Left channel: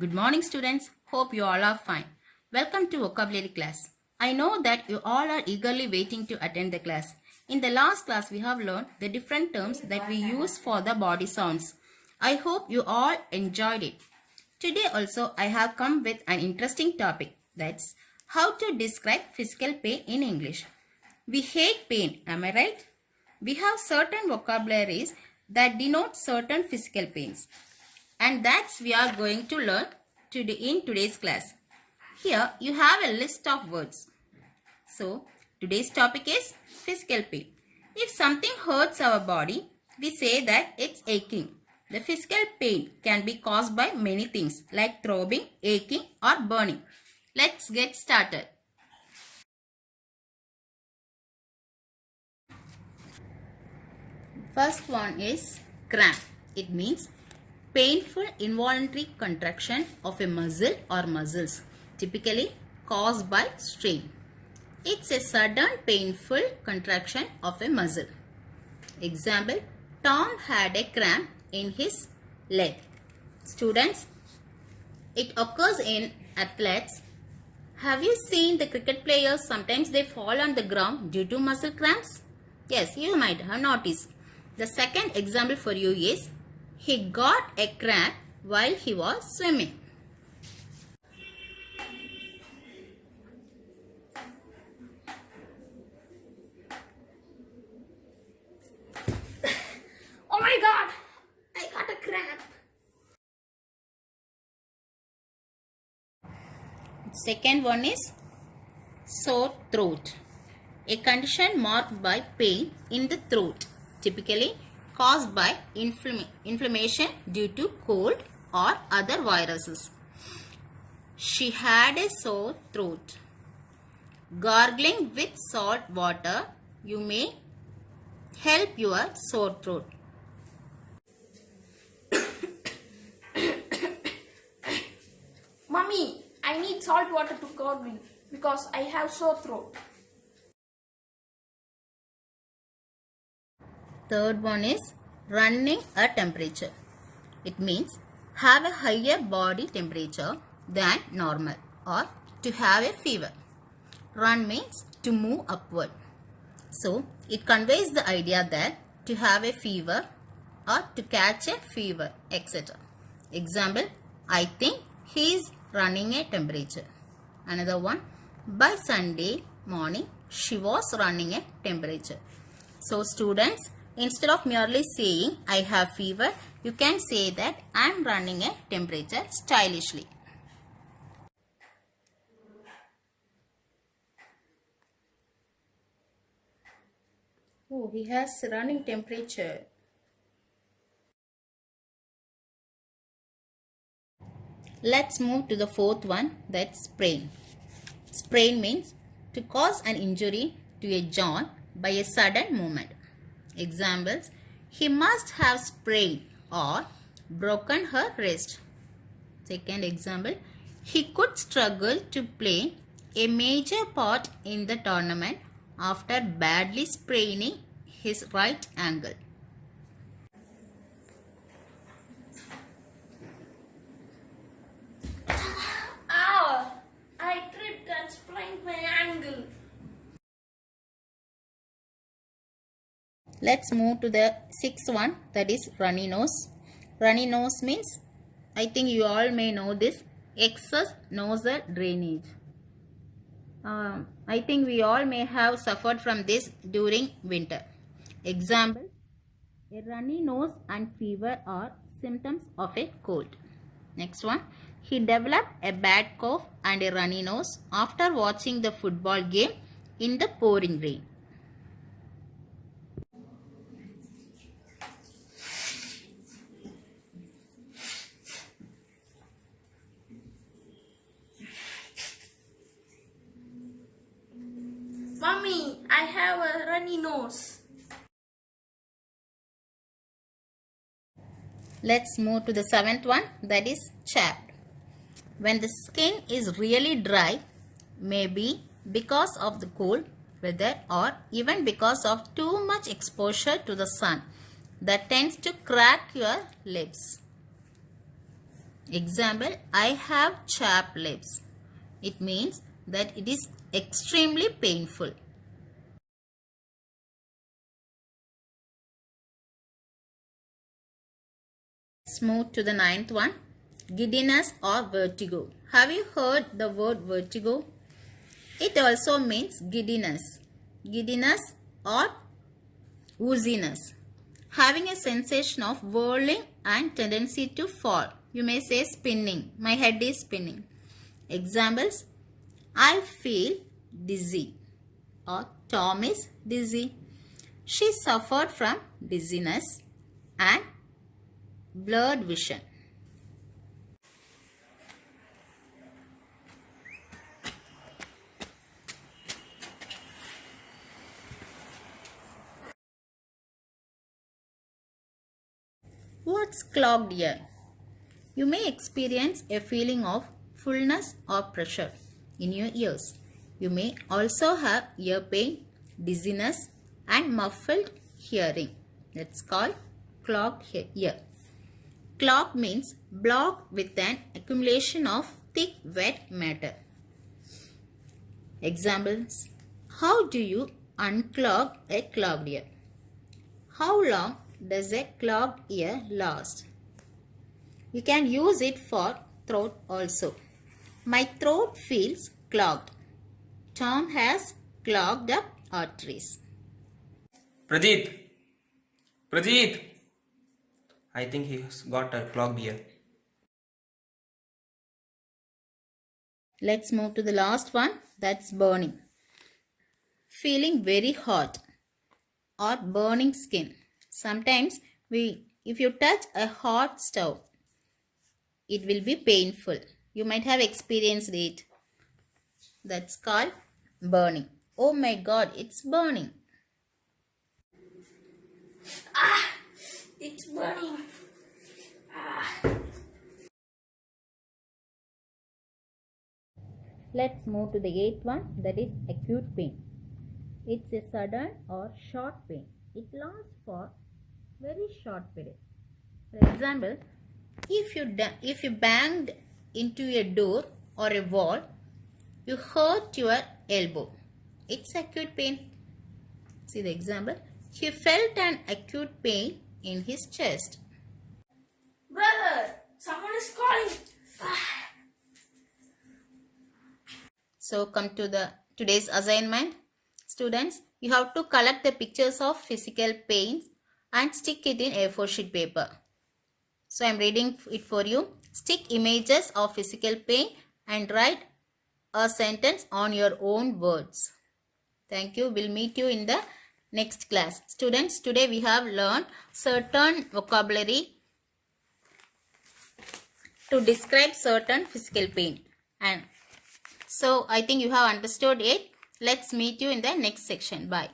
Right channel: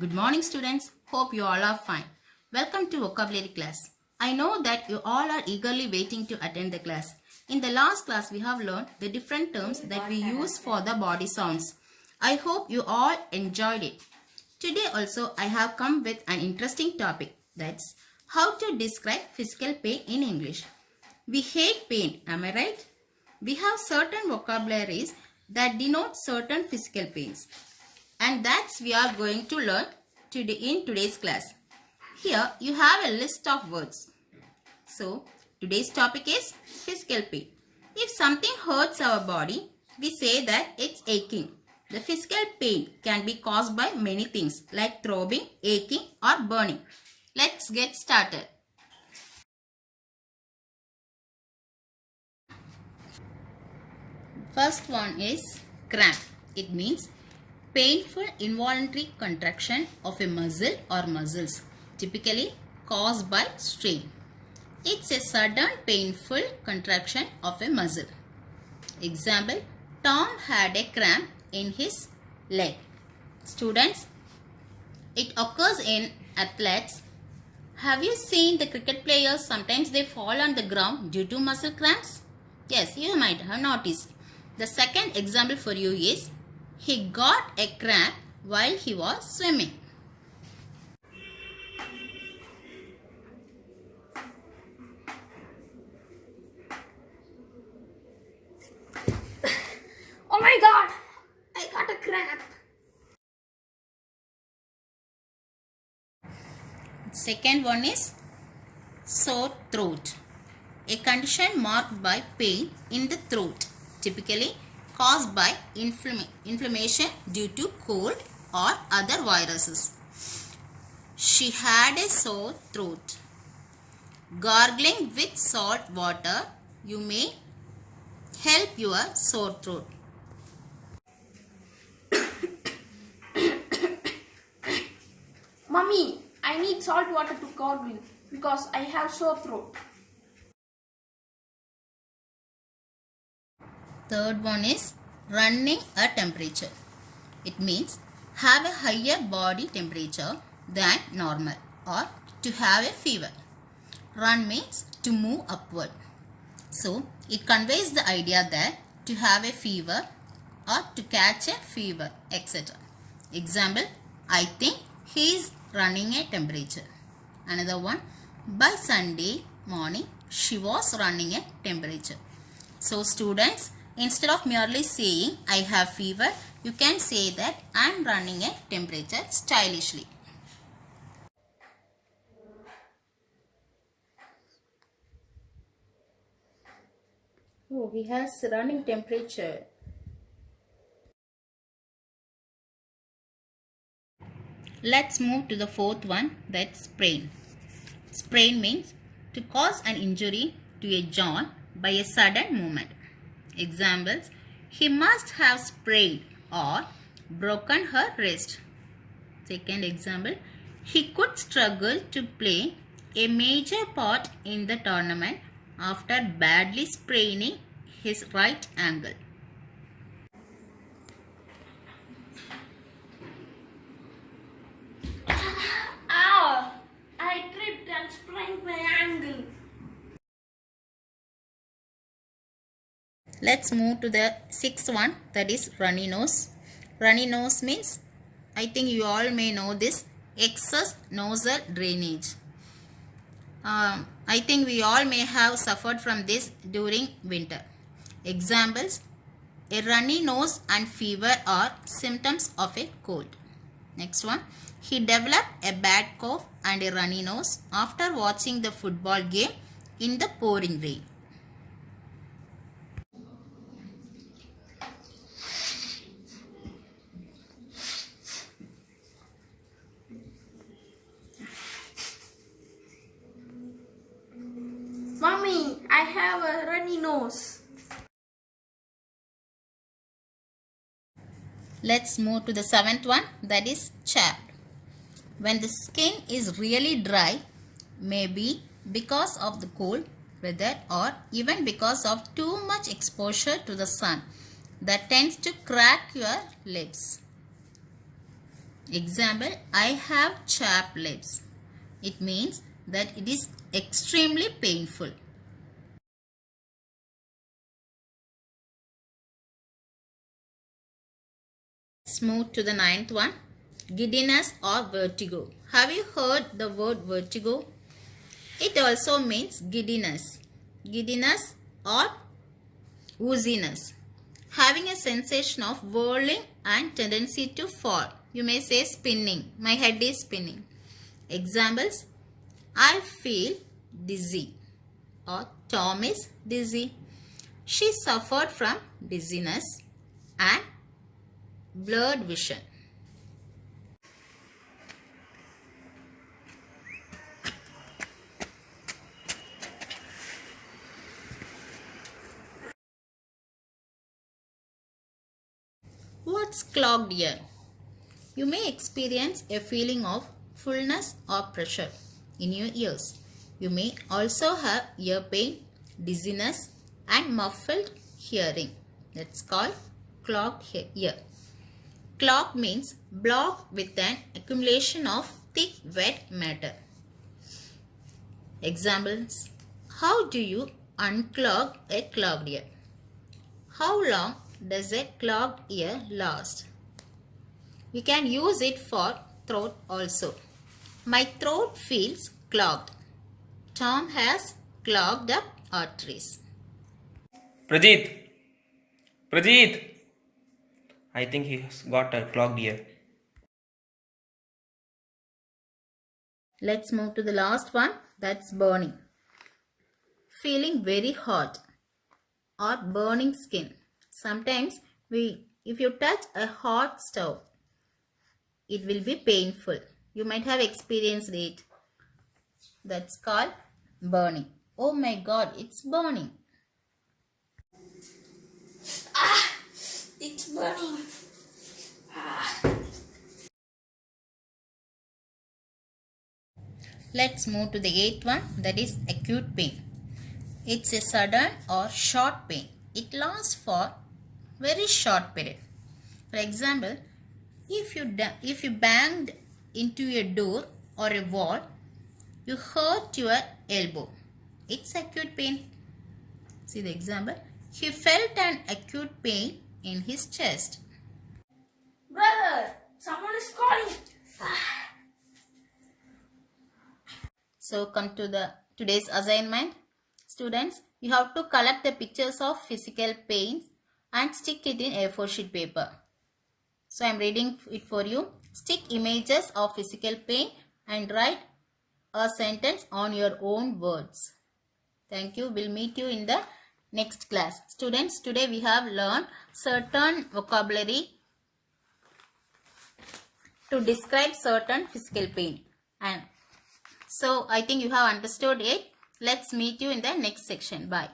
Good morning, students. Hope you all are fine. Welcome to vocabulary class. I know that you all are eagerly waiting to attend the class. In the last class, we have learned the different terms that we use for the body sounds. I hope you all enjoyed it. Today also, I have come with an interesting topic. That's how to describe physical pain in English. We hate pain, am I right? We have certain vocabularies that denote certain physical pains. And that's we are going to learn today in today's class. Here you have a list of words. So today's topic is physical pain. If something hurts our body, we say that it's aching. The physical pain can be caused by many things like throbbing, aching or burning. Let's get started. First one is cramp. It means painful involuntary contraction of a muscle or muscles, typically caused by strain. It's a sudden painful contraction of a muscle. Example, Tom had a cramp in his leg. Students, it occurs in athletes. Have you seen the cricket players? Sometimes they fall on the ground due to muscle cramps. Yes, you might have noticed. The second example for you is he got a cramp while he was swimming. Oh my god! I got a cramp. Second one is sore throat. A condition marked by pain in the throat, typically caused by inflammation due to cold or other viruses. She had a sore throat. Gargling with salt water, you may help your sore throat. Mummy, I need salt water to gargle because I have sore throat. Third one is running a temperature. It means have a higher body temperature than normal or to have a fever. Run means to move upward. So it conveys the idea that to have a fever or to catch a fever, etc. Example, I think he is running a temperature. Another one, by Sunday morning, she was running a temperature. So students, instead of merely saying I have fever, you can say that I am running a temperature stylishly. Oh, he has running temperature. Let's move to the fourth one, that's sprain. Sprain means to cause an injury to a joint by a sudden movement. Examples, he must have sprained or broken her wrist. Second example, he could struggle to play a major part in the tournament after badly spraining his right ankle. Ow! I tripped and sprained my ankle. Let's move to the sixth one, that is runny nose. Runny nose means, I think you all may know this, excess nasal drainage. I think we all may have suffered from this during winter. Examples, a runny nose and fever are symptoms of a cold. Next one, he developed a bad cough and a runny nose after watching the football game in the pouring rain. Mummy, I have a runny nose. Let's move to the seventh one, that is chapped. When the skin is really dry, maybe because of the cold weather or even because of too much exposure to the sun, that tends to crack your lips. Example, I have chapped lips. It means that it is extremely painful. Let's move to the ninth one. Giddiness or vertigo. Have you heard the word vertigo? It also means giddiness. Giddiness or wooziness. Having a sensation of whirling and tendency to fall. You may say spinning. My head is spinning. Examples, I feel dizzy, or Tom is dizzy. She suffered from dizziness and blurred vision. What's clogged ear? You may experience a feeling of fullness or pressure in your ears. You may also have ear pain, dizziness, and muffled hearing. That's called clogged ear. Clogged means blocked with an accumulation of thick wet matter. Examples, how do you unclog a clogged ear? How long does a clogged ear last? You can use it for throat also. My throat feels clogged. Tom has clogged up arteries. Prajeet, Prajeet. I think he has got a clogged ear. Let's move to the last one, that's burning. Feeling very hot or burning skin. Sometimes if you touch a hot stove, it will be painful. You might have experienced it. That's called burning. Oh my god, it's burning. It's burning. Let's move to the eighth one, that is acute pain. It's a sudden or short pain. It lasts for very short period. For example, if you banged into a door or a wall, you hurt your elbow. It's acute pain. See the example. He felt an acute pain in his chest. Brother, someone is calling. So come to the today's assignment. Students, you have to collect the pictures of physical pain and stick it in A4 sheet paper. So I am reading it for you. Stick images of physical pain and write a sentence on your own words. Thank you. We'll meet you in the next class. Students, today we have learned certain vocabulary to describe certain physical pain. And so I think you have understood it. Let's meet you in the next section. Bye.